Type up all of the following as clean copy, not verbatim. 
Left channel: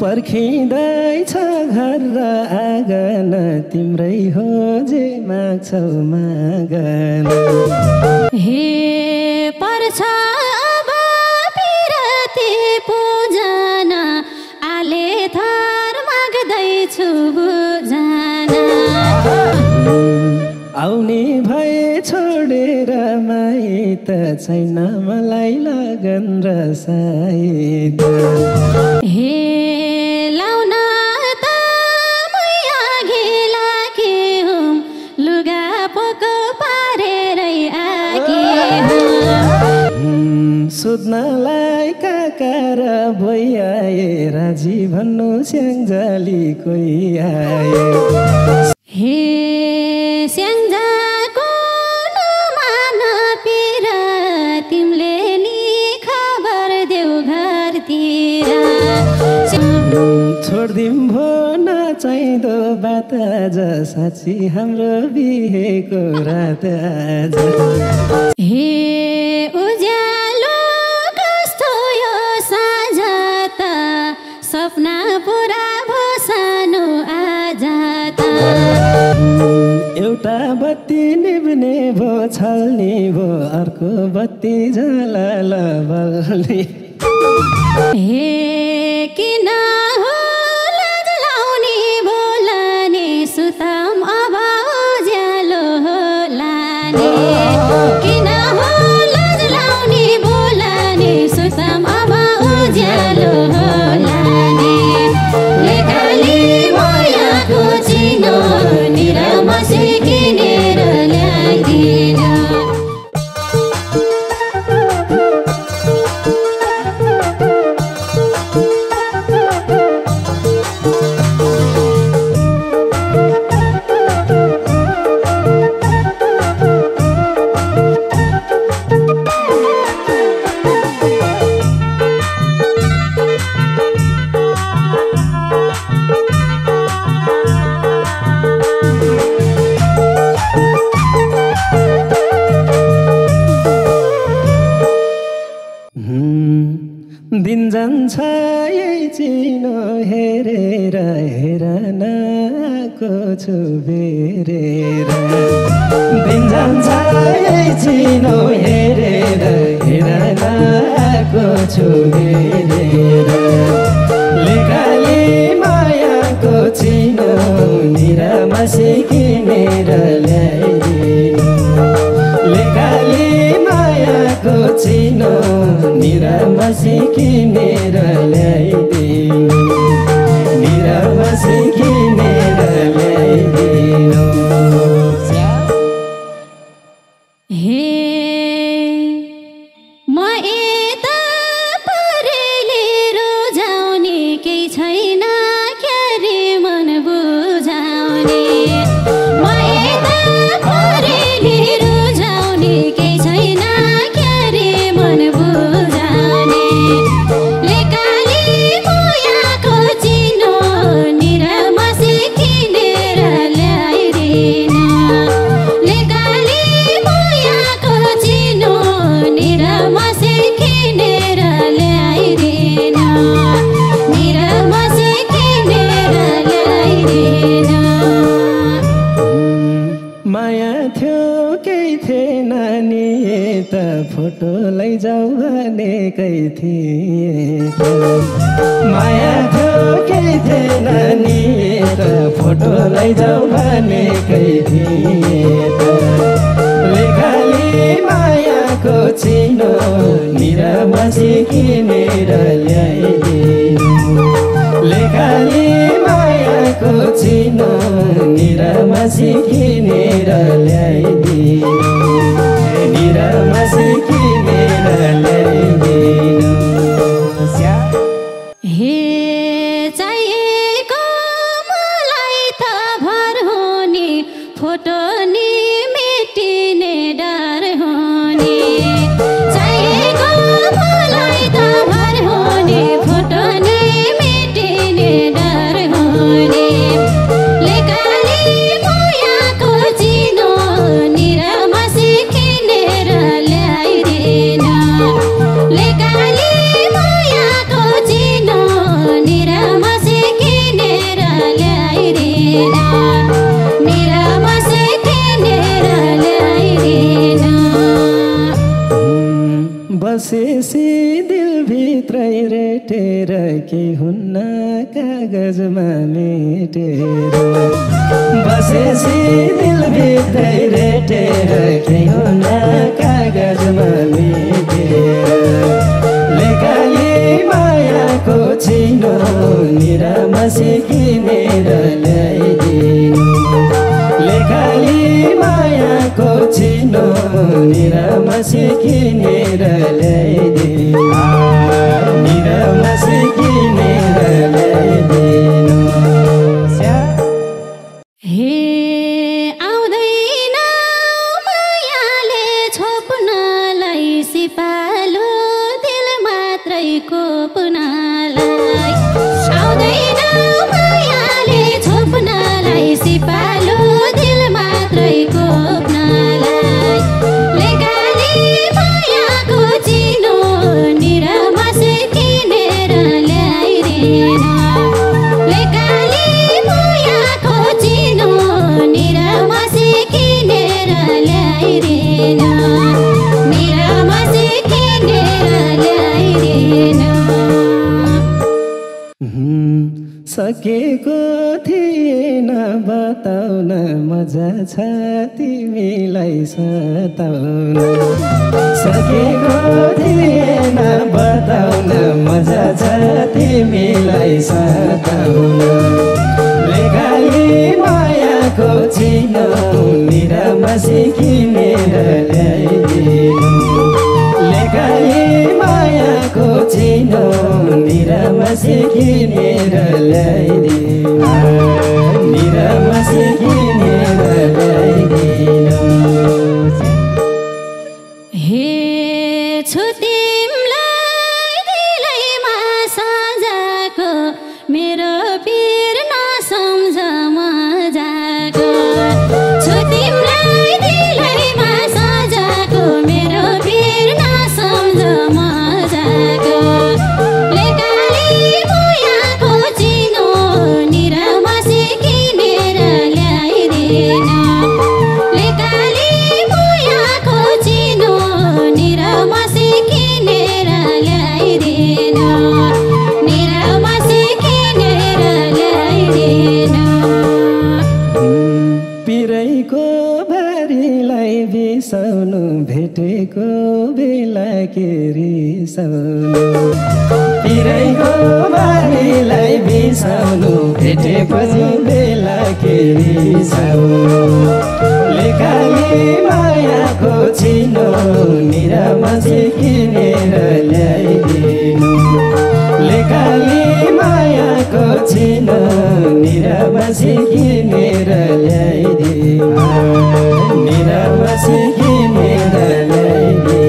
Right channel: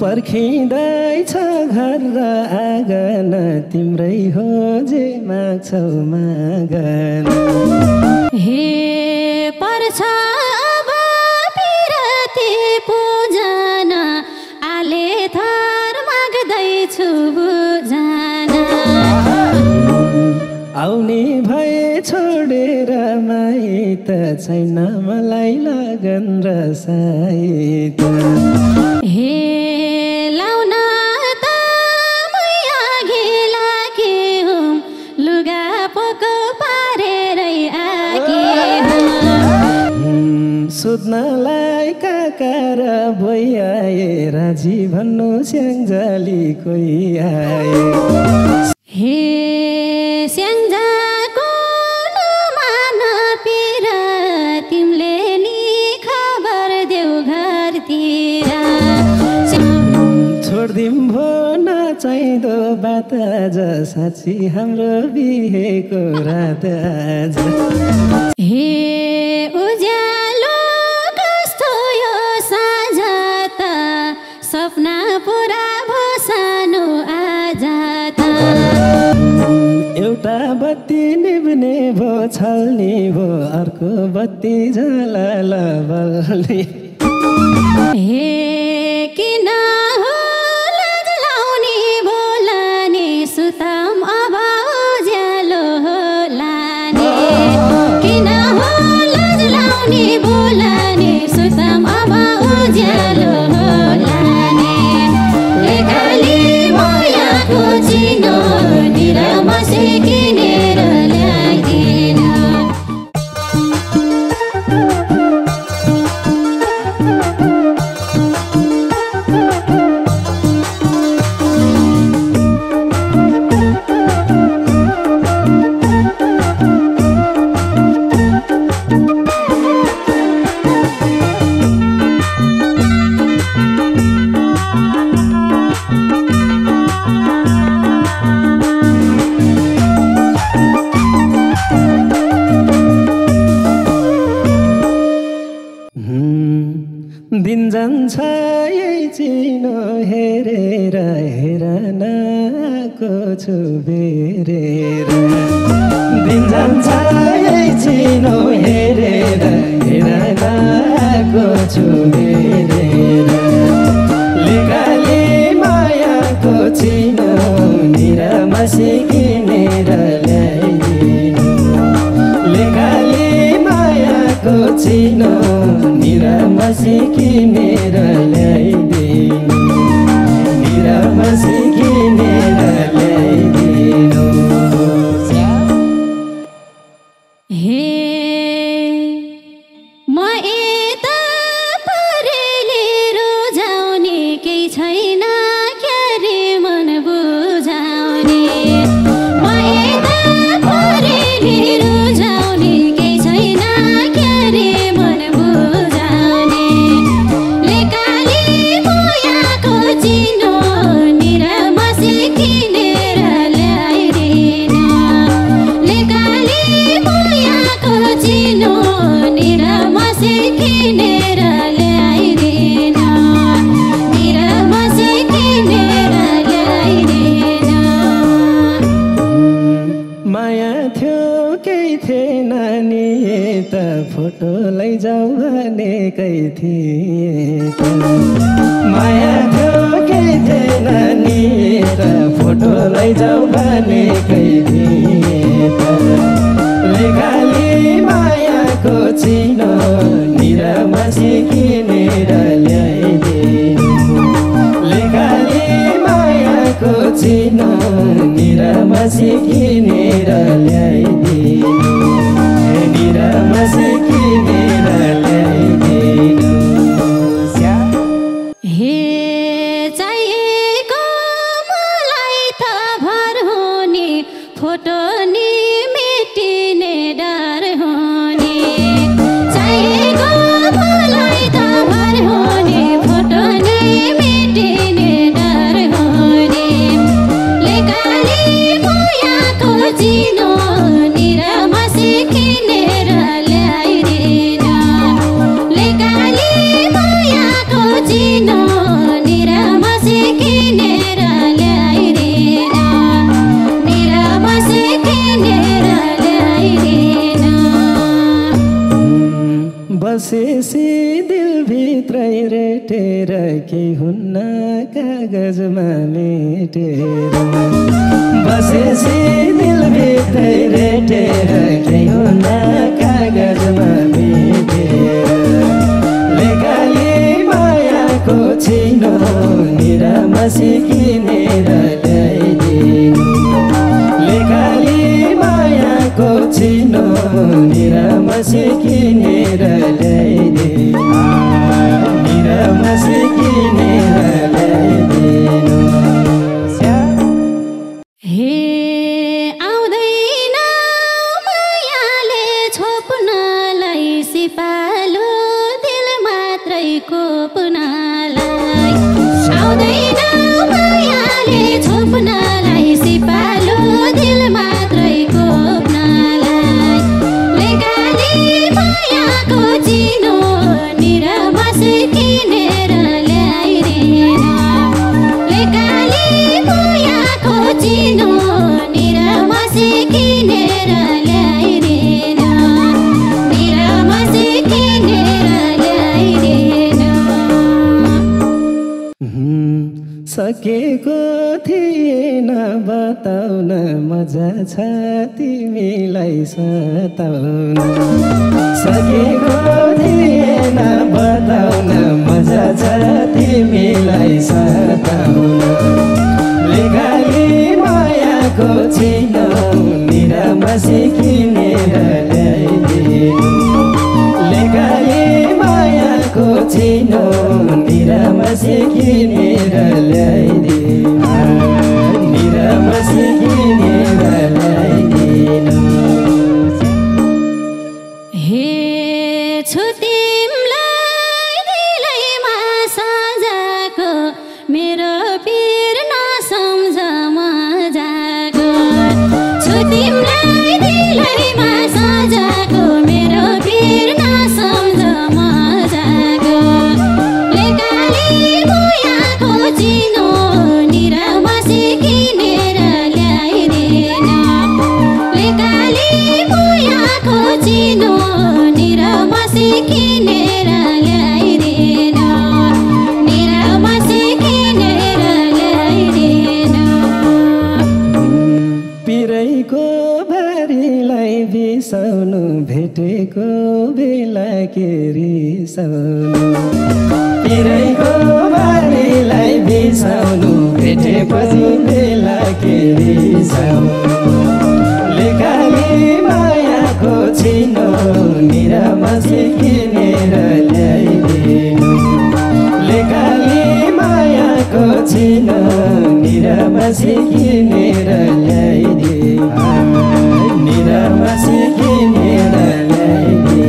पर्खिँदैछ घर र आँगन तिम्रै हो जे माग्छौ मागन हे पर्छ अब पिरती पूजन आले थर माग्दैछु बुझन आउने भए छोडेर माइत छैन मलाई लगन र साइत हे लाउन त मैया घिला के हुँ लुगा पोको पारेरै आके सोध्नलाई काका र भइआए राजी भन्नु स्याङ्जाली कोही आए हे स्याङ्जाको नमान पिर तिमीले नि खबर देऊ घरतिर छोडिदिउँ भो नचाहिँदो बात आज साँच्ची हाम्रो बिहेको रात आज हे उज्यालो कस्तो यो साँझ त सपना पुरा भो सानो आज त एउटा बत्ती निभ्ने भो छल्ने भो अर्को बत्ती झलल बल्ने हे किन हो लाज लाउने बोलाने सुताम अब उज्यालो लाने किन हो लाज लाउने बोलाने सुताम अब उज्यालो लाने लेखाली मायाको चिनो निरमसी किनेर ल्याइदिन दिन जान्छ यही चिनो हेरेर हेरन आएको छु बेरेर दिन जान्छ यही चिनो हेरेर हेरन आएको छु बेरेर लेकाली मायाको चिनो निरामसी किनेर ल्याइदिनु लेकाली मायाको चिनो निरामसी किनेर ल्याइदिनु निरामसी किनेर ल्याइदिनु हे म यता परेले रोजाउने केही छैन क्यारे मन बुझाउने म यता परेले रोजाउने केही छैन क्यारे मन बुझाउने लेकाली मायाको चिनो निरामसी किनेर ल्याइदिनु लेकाली मायाको चिनो निरामसी किनेर ल्याइदिनु निरामसी किनेर ल्याइदिनु माया थियो केही थिएन नि त फोटो लैजाऊ भनेकै थिए माया थियो केही थिएन नि त फोटो लैजाऊ भनेकै थिए लेकाली मायाको चिनो निरामसी किनेर ल्याइदिनु लेकाली मायाको चिनो निरामसी किनेर ल्याइदिनु निरामसी किनेर ल्याइदिनु हे चाहिएको मलाई त भर हुने फोटो नि मेटिने डर हुने चाहिएको मलाई त भर हुने फोटो नि मेटिने डर हुने लेकाली मायाको चिनो निरामसी किनेर ल्याइदिनु लेकाली मायाको चिनो भेटेर के हुन्न कागजमा मेटेर बसेसी दिलभित्रै रेटेर के हुन्न कागजमा मेटेर लेखाले मायाको चिनो निरामसी किनेर ल्याइदिनु लेखाले मायाको चिनो निरामसी किनेर ल्याइदिनु निरामसी किनेर ल्याइदिनु हे आउँदैन मायाले छोप्नलाई सिपालु दिल मात्रै कोप्नलाई आउँदैन मायाले छोप्नलाई सिपालु दिल मात्रै कोप्नलाई लेखाले मायाको चिनो निरामसी किनेर ल्याइदिनु लेखाले मायाको चिनो निरामसी किनेर ल्याइदिनु निरामसी किनेर ल्याइदिनु सकेको थिएन बताउन मजा छ तिमीलाई सताउन सकेको थिएन बताउन मजा छ तिमीलाई सताउन लेखाले मायाको चिनो निरामसी किनेर ल्याइदिनु लेखाले मायाको चिनो निरामसी किनेर ल्याइदिनु निरामसी किनेर ल्याइदिनु हे छु तिमलाई दिलैमा सजाको मेरो पीर नसम्झ मजाको छु तिमलाई दिलैमा सजाको मेरो पीर नसम्झ मजाको लेखाले मायाको चिनो निरामसी किनेर ल्याइदिनु लेखाले मायाको चिनो निरामसी किनेर ल्याइदिनु निरामसी किनेर ल्याइदिनु पिरैको भारीलाई बिसाउनु भेटेको बेला के रिसाउनु पिरैको भारीलाई बिसाउनु भेटेको बेला के रिसाउनु लेखाले मायाको चिनो निरामसी किनेर ल्याइदिनु लेखाले मायाको चिनो निरामसी किनेर ल्याइदिनु निरामसी किनेर ल्याइदिनु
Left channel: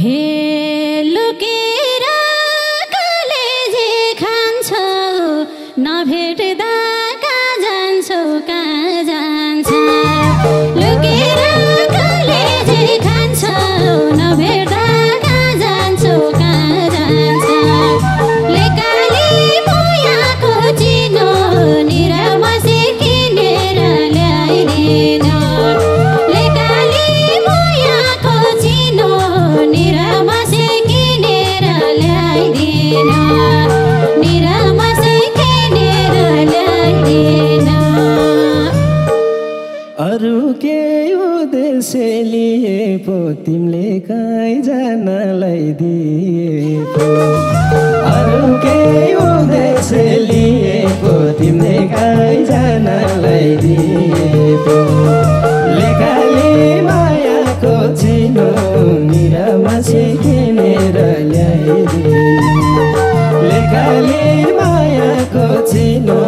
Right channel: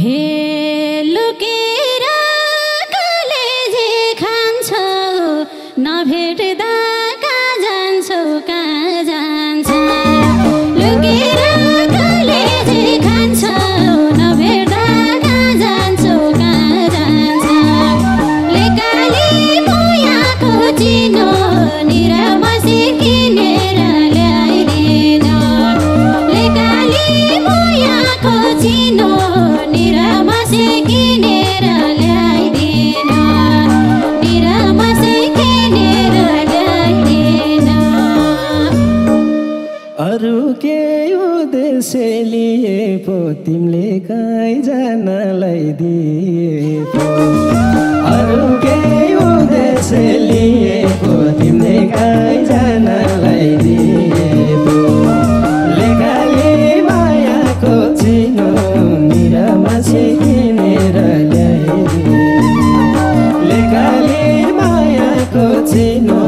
हे लुकेर कलेजे खान्छौ नभेट्दा कहाँ जान्छौ कहाँ जान्छौ लुकेर कलेजे खान्छौ नभेट्दा कहाँ जान्छौ कहाँ जान्छौ लेखाले मायाको चिनो निरामसी किनेर ल्याइदिनु लेखाले मायाको चिनो निरामसी किनेर ल्याइदिनु निरामसी किनेर ल्याइदिनु अरू के उद्देश्य लिए पो तिमीले कहीँ जानलाई दिए पो अरू के उद्देश्य लिए पो तिमीले कहीँ जानलाई दिए पो लेखाले मायाको चिनो निरामसी किनेर ल्याइदिनु लेखाले मायाको चिनो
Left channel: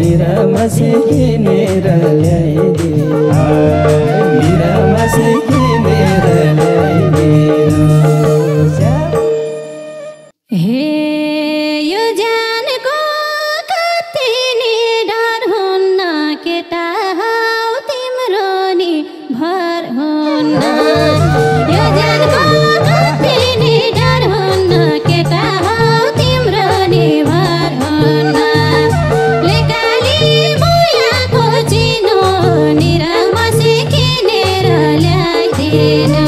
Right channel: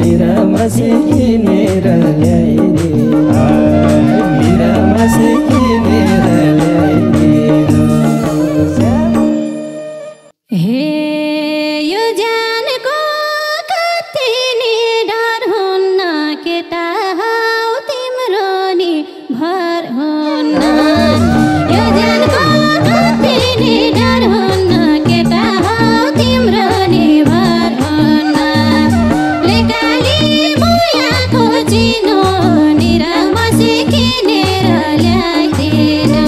निरामसी किनेर ल्याइदिनु निरामसी किनेर ल्याइदिनु हे यो ज्यानको कति नि डर हुन्न केटा हौ तिम्रो नि भर हुन्न यो ज्यानको कति नि डर हुन्न केटा हौ तिम्रो नि भर हुन्न लेखाले मायाको चिनो निरामसी किनेर ल्याइदिनु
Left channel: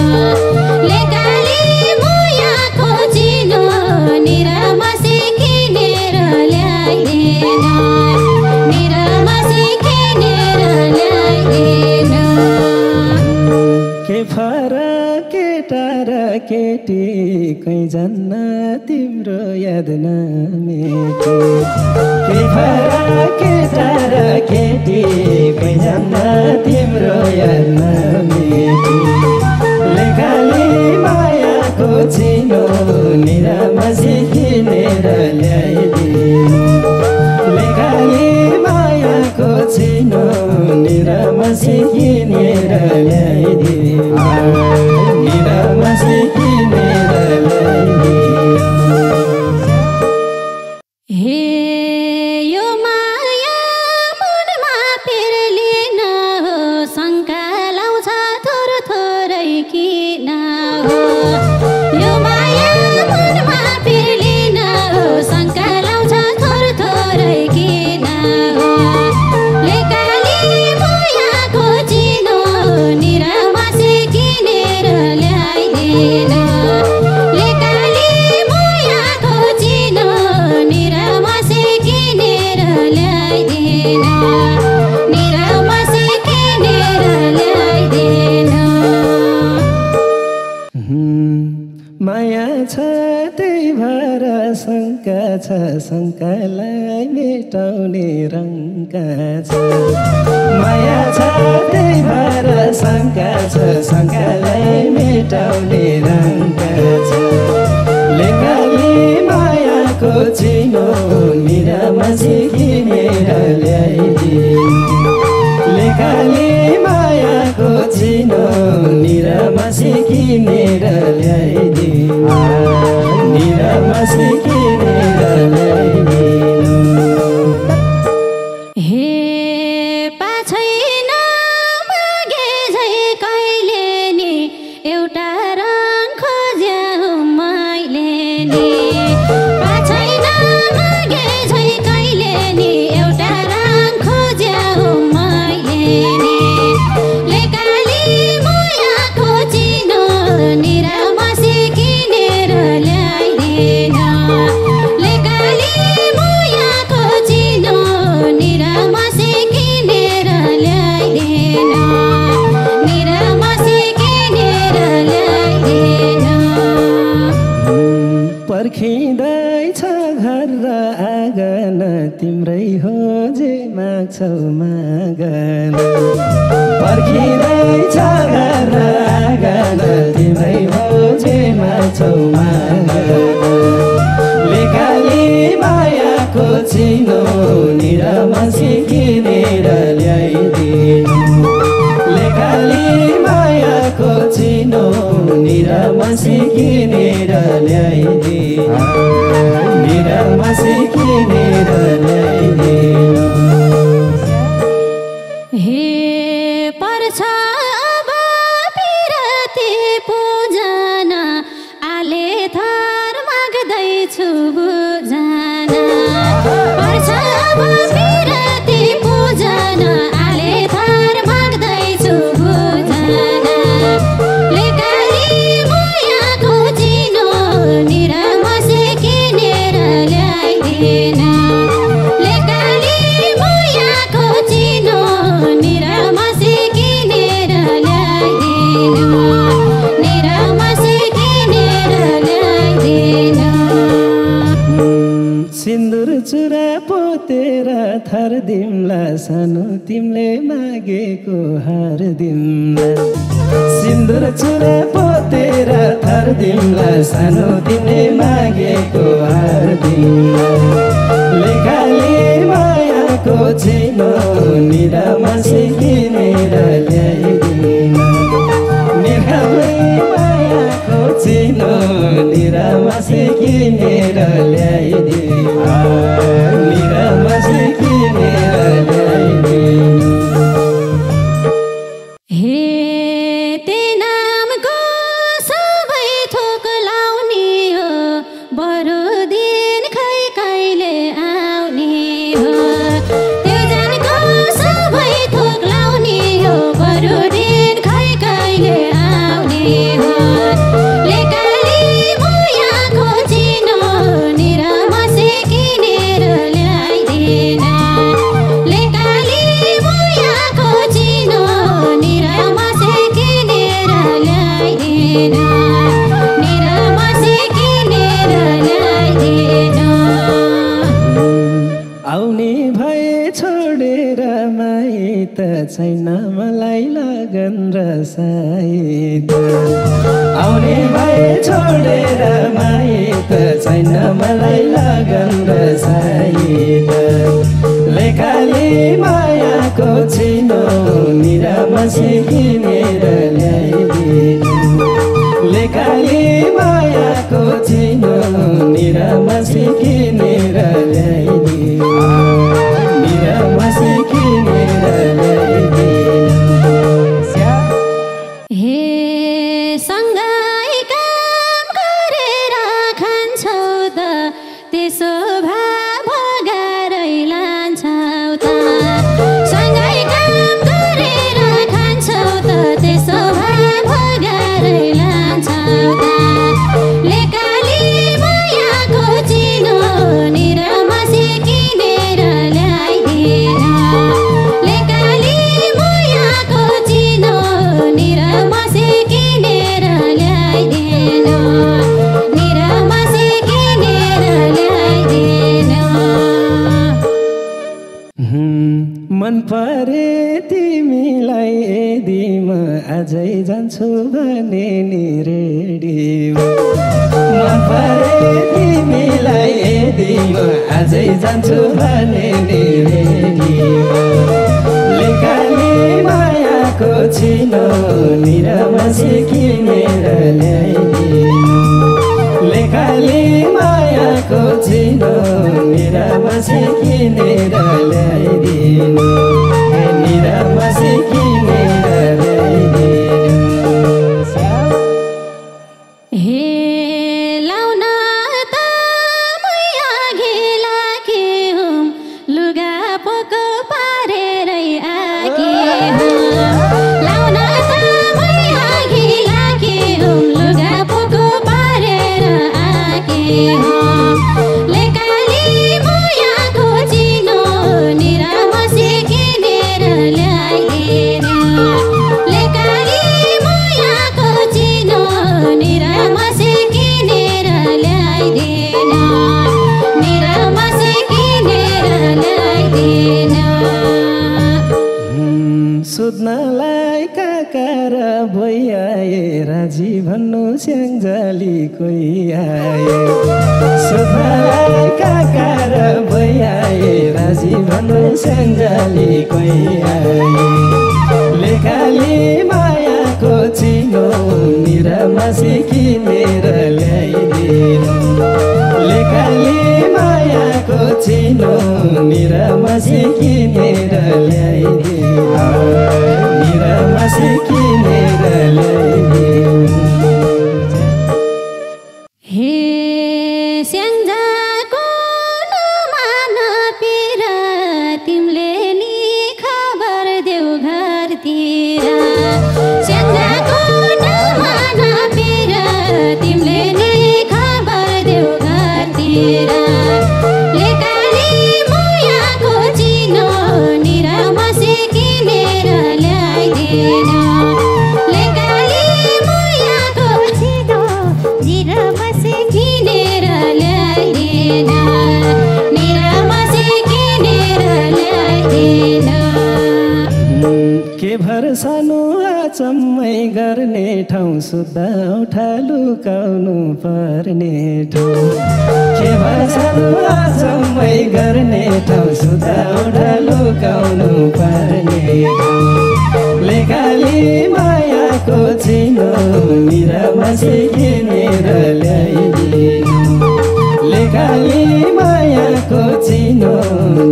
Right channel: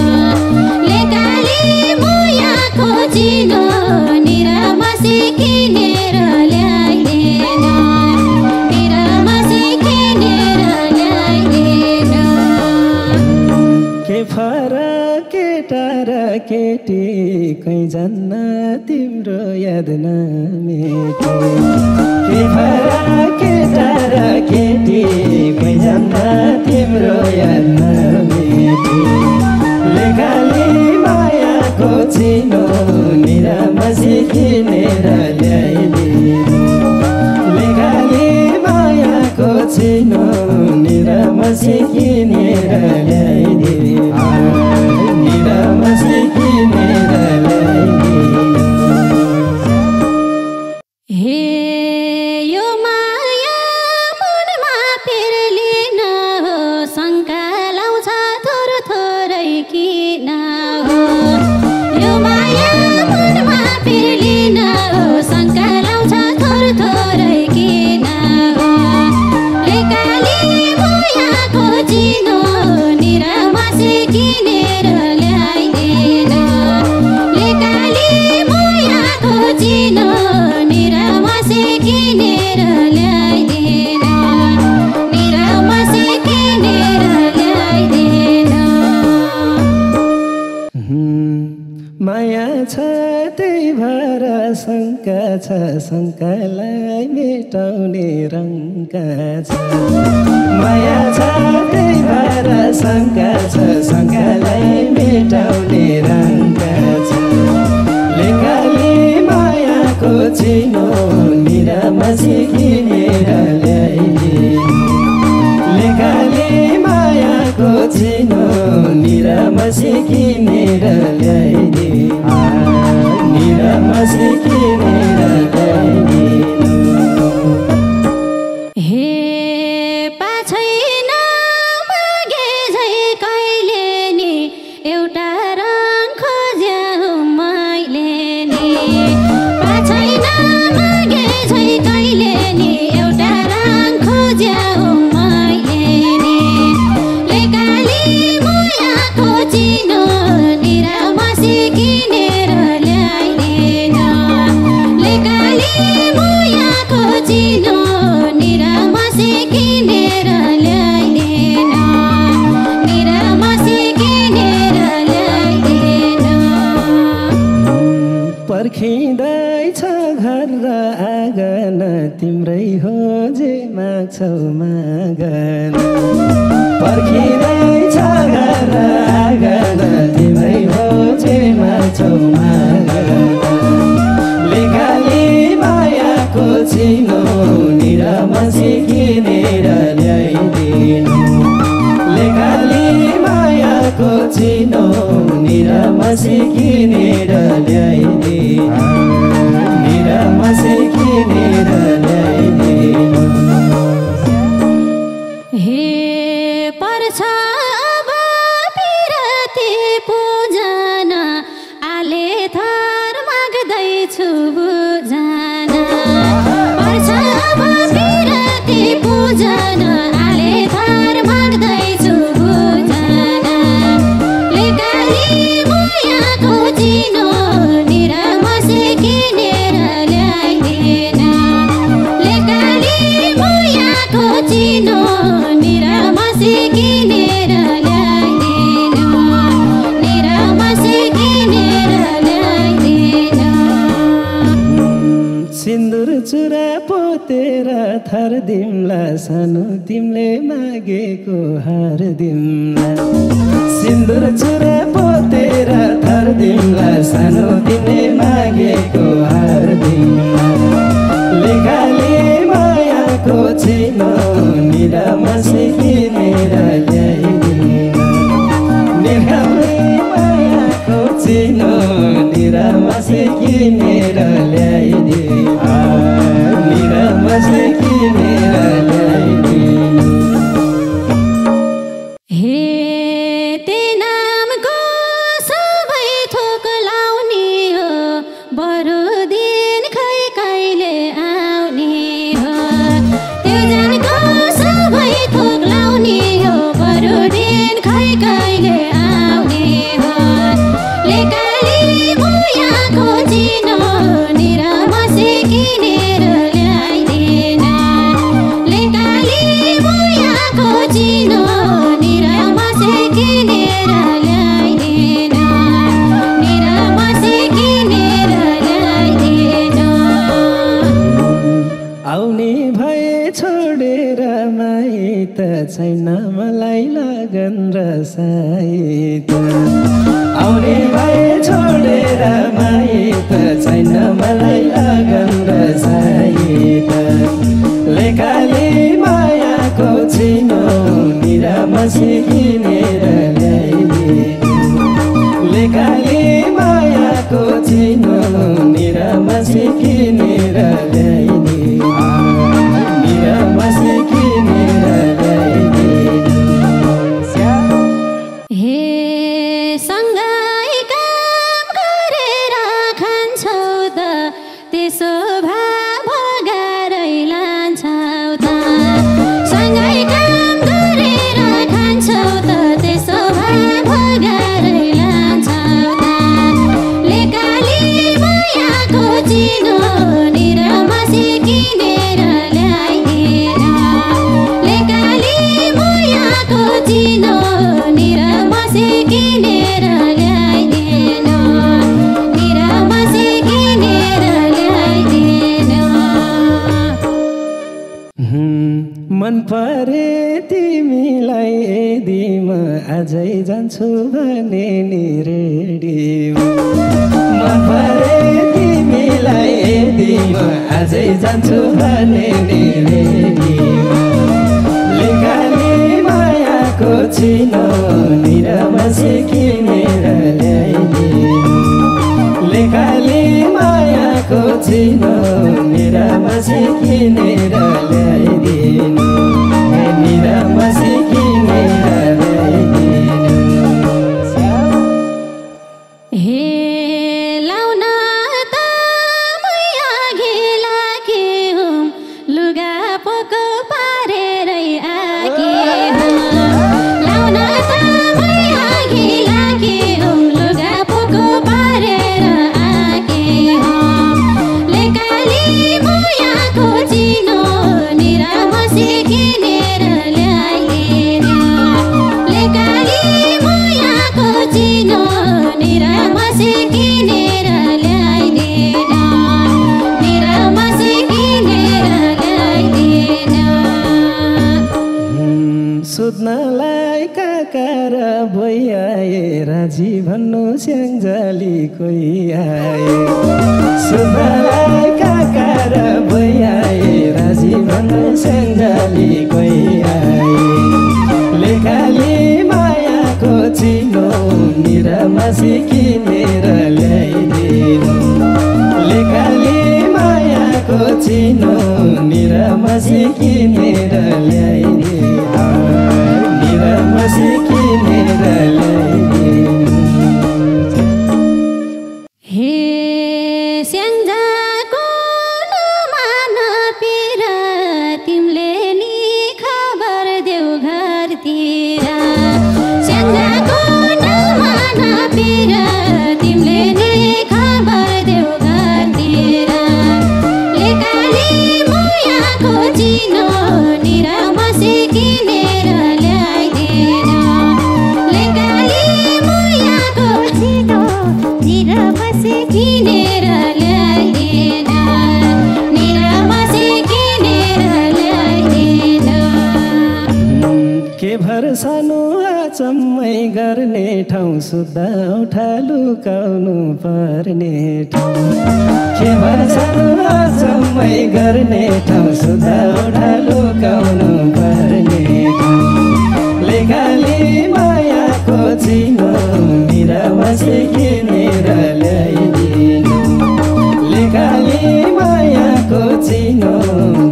लेखाले मायाको चिनो के फरक केटा र केटी कहीँ जान्न तिम्रो याद नमेटे के फरक केटा र केटी कहीँ जान्न तिम्रो याद नमेटे लेखाली मायाको चिनो निरामसी किनेर ल्याइदिनु लेखाली मायाको चिनो निरामसी किनेर ल्याइदिनु निरामसी किनेर ल्याइदिनु हे यो माया मनमा पेर्लिन हो शङ्का लाउँछ थोर थोरै किन हो यो माया मनमा पेर्लिन हो शङ्का लाउँछ थोर थोरै किन हो लेकाली मायाको चिनो निरामसी किनेर ल्याइदिनु लेकाली मायाको चिनो निरामसी किनेर ल्याइदिनु निरामसी किनेर ल्याइदिनु माया छ त्यही भएर शङ्का छ शङ्कालाई मेटाउने रङ्का छ माया छ त्यही भएर शङ्का छ शङ्कालाई मेटाउने रङ्का छ लेकाली मायाको चिनो निरामसी किनेर ल्याइदिनु लेकाली मायाको चिनो निरामसी किनेर ल्याइदिनु निरामसी किनेर ल्याइदिनु हे पाछैन मागे झै कहिले नि एउटा रङ खोज्याउ मैले नि पाछैन मागे झै कहिले नि एउटा रङ खोज्याउ मैले नि लेकाली मायाको चिनो निरामसी किनेर ल्याइदिनु लेकाली मायाको चिनो निरामसी किनेर ल्याइदिनु निरामसी किनेर ल्याइदिनु पर्खिँदैछ घर र आँगन तिम्रै हो जे माग्छौ मागन पर्खिँदैछ घर र आँगन तिम्रै हो जे माग्छौ मागन लेकाली मायाको चिनो निरामसी किनेर ल्याइदिनु लेकाली मायाको चिनो निरामसी किनेर ल्याइदिनु निरामसी किनेर ल्याइदिनु हे पर्छ अब पिरती पूजन आले थर माग्दैछु बुझन पर्छ अब पिरती पूजन आले थर माग्दैछु बुझन लेकाली मायाको चिनो निरामसी किनेर ल्याइदिनु लेकाली मायाको चिनो निरामसी किनेर ल्याइदिनु निरामसी किनेर ल्याइदिनु सिन्दुर चुरा पोतेर थर दिम्ला सानो तिमीले मागेको हार दिम्ला सिन्दुर चुरा पोतेर थर दिम्ला सानो तिमीले मागेको हार दिम्ला लेकाली मायाको चिनो निरामसी किनेर ल्याइदिनु निरामसी मायाको चिनो निरामसी किनेर ल्याइदिनु निरामसी किनेर ल्याइदिनु हे ते नामको सबै थोक लाउने हो बरु दिन खै कहिले आउने हो त्यो जानको सबै थोक लाउने हो बरु दिन खै कहिले आउने हो लेकाली मायाको चिनो निरामसी किनेर छैन मलाई लगन र सायद आउने भए छोडेर माइत छैन मलाई लगन र सायद लेखाले मायाको चिनो निरामसी किनेर ल्याइदिनु लेखाले मायाको चिनो निरामसी किनेर ल्याइदिनु निरामसी किनेर ल्याइदिनु हे सँगै काम गरेर खान्छौ त त्यसो भए भगारै लान्छौ त सँगै काम गरेर खान्छौ त त्यसो भए भगारै लान्छौ त लेकाली मायाको चिनो निरामसी किनेर ल्याइदिनु लेकाली मायाको चिनो निरामसी किनेर ल्याइदिनु निरामसी किनेर ल्याइदिनु मन परे तिमीलाई यदि म अझै जान्छु भने नि रेडियो मन परे तिमीलाई यदि म अझै जान्छु भने नि रेडियो लेखाले मायाको चिनो निरामसी किनेर ल्याइदिनु लेखाले मायाको चिनो निरामसी किनेर ल्याइदिनु निरामसी किनेर ल्याइदिनु हे लाउन त मै अघि लागे हुँ लुगा पोको पारेरै आगे हुँ लाउन त मै अघि लागे हुँ लुगा पोको पारेर आगे हुँ लेकाली मायाको चिनो निरामसी किनेर ल्याइदिनु लेकाली मायाको चिनो निरामसी किनेर ल्याइदिनु निरामसी किनेर ल्याइदिनु सोध्नलाई काका र भइआए राजी भन्नु स्याङ्जाली कोही आए सोध्नलाई काका र भइआए राजी भन्नु स्याङ्जाली कोही आए लेखाले मायाको चिनो निरामसी किनेर ल्याइदिनु लेखाले मायाको चिनो निरामसी किनेर ल्याइदिनु निरामसी किनेर ल्याइदिनु हे स्याङ्जाको नमान पिर तिमीले नि खबर देऊ घरतिर स्याङ्जाको नमान पिर तिमीले नि खबर देऊ घरतिर लेकाली मायाको चिनो निरामसी किनेर ल्याइदिनु लेकाली मायाको चिनो निरामसी किनेर ल्याइदिनु निरामसी किनेर ल्याइदिनु के भरसानु अचम्मै गर्ने ठाउँ सुत्दा उठा लुकाउनु पर्ने ठाउँ के भरसानु अचम्मै गर्ने ठाउँ सुत्दा उठा लुकाउनु पर्ने ठाउँ लेखाले मायाको चिनो निरामसी किनेर ल्याइदिनु लेखाले मायाको चिनो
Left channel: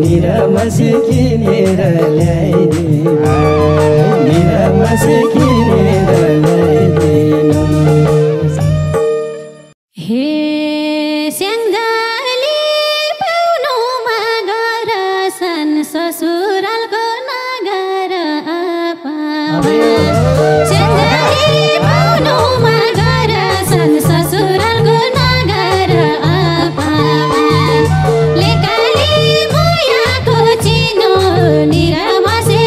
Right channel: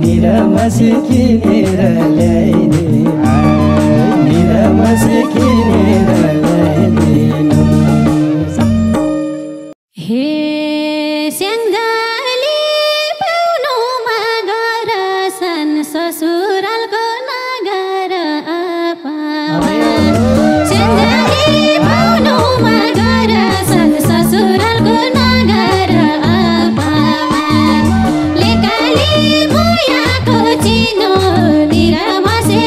निरामसी किनेर ल्याइदिनु निरामसी किनेर ल्याइदिनु हे स्याङ्जाली पाउनुमा गरसन ससुरालको नगर पावन स्याङ्जाली पाउनुमा गरसन ससुरालको नगर पावन लेकाली मायाको चिनो निरामसी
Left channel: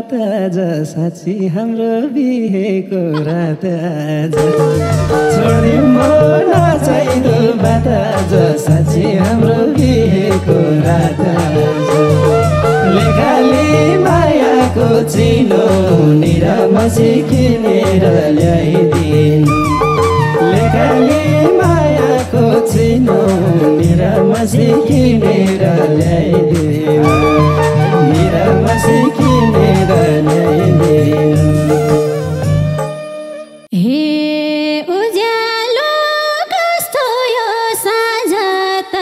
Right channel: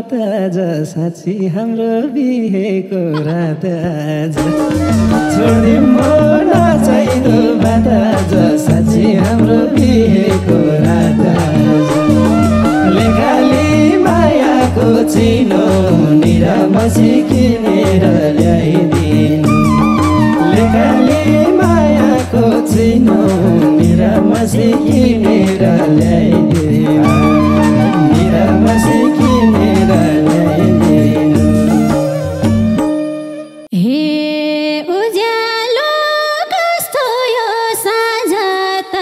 बात आज साँच्ची हाम्रो बिहेको रात आज छोडिदिउँ म नचाहिँदो बात आज साँच्ची हाम्रो बिहेको रात आज लेखाली मायाको चिनो निरामसी किनेर ल्याइदिनु लेखाली मायाको चिनो निरामसी किनेर ल्याइदिनु निरामसी किनेर ल्याइदिनु हे उज्यालो कस्तो यो साँझ त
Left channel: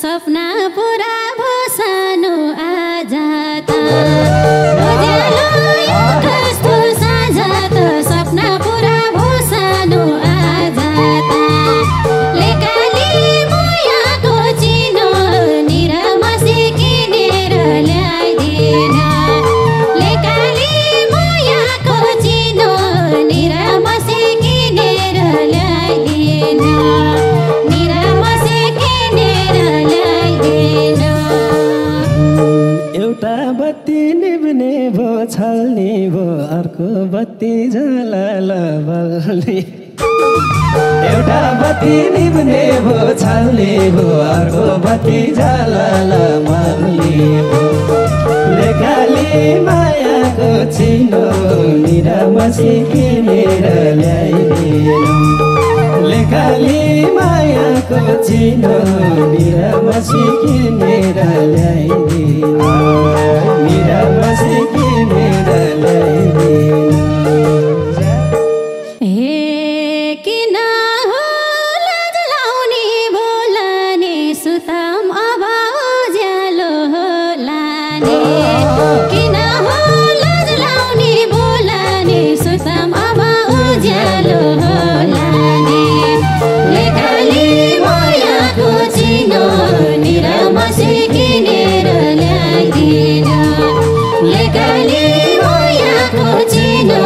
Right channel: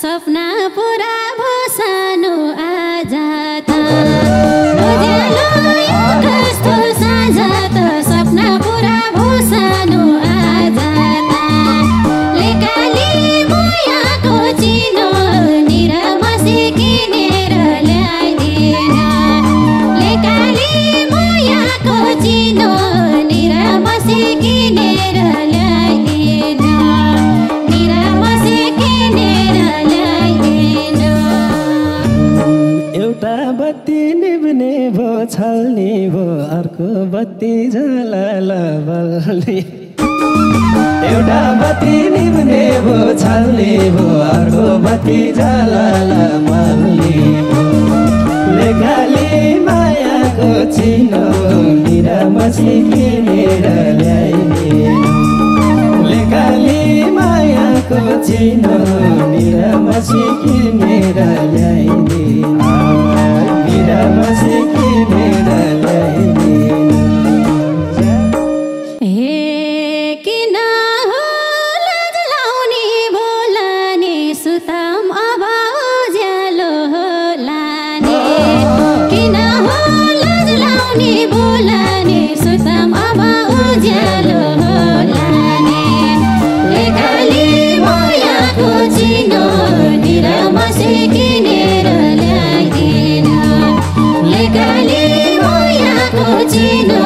सपना पुरा भो सानो आज त उज्यालो यो कस्तो साँझ त सपना पुरा भो सानो आज त लेकाली मायाको चिनो निरामसी किनेर ल्याइदिनु लेकाली मायाको चिनो निरामसी किनेर ल्याइदिनु निरामसी किनेर ल्याइदिनु एउटा बत्ती निभ्ने भो छल्ने भो अर्को बत्ती झलल बल्ने एउटा बत्ती निभ्ने भो छल्ने भो अर्को बत्ती झलल बल्ने लेखाली मायाको चिनो निरामसी किनेर ल्याइदिनु लेखाली मायाको चिनो निरामसी किनेर ल्याइदिनु निरामसी किनेर ल्याइदिनु हे किन हो लाज लाउने बोलाने सुताम अब उज्यालो लाने किन हो लाज लाउने बोलाने सुताम अब उज्यालो लाने लेखाली मायाको चिनो निरामसी किनेर ल्याइदिनु लेखाली मायाको चिनो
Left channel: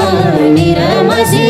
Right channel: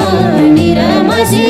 निरामसी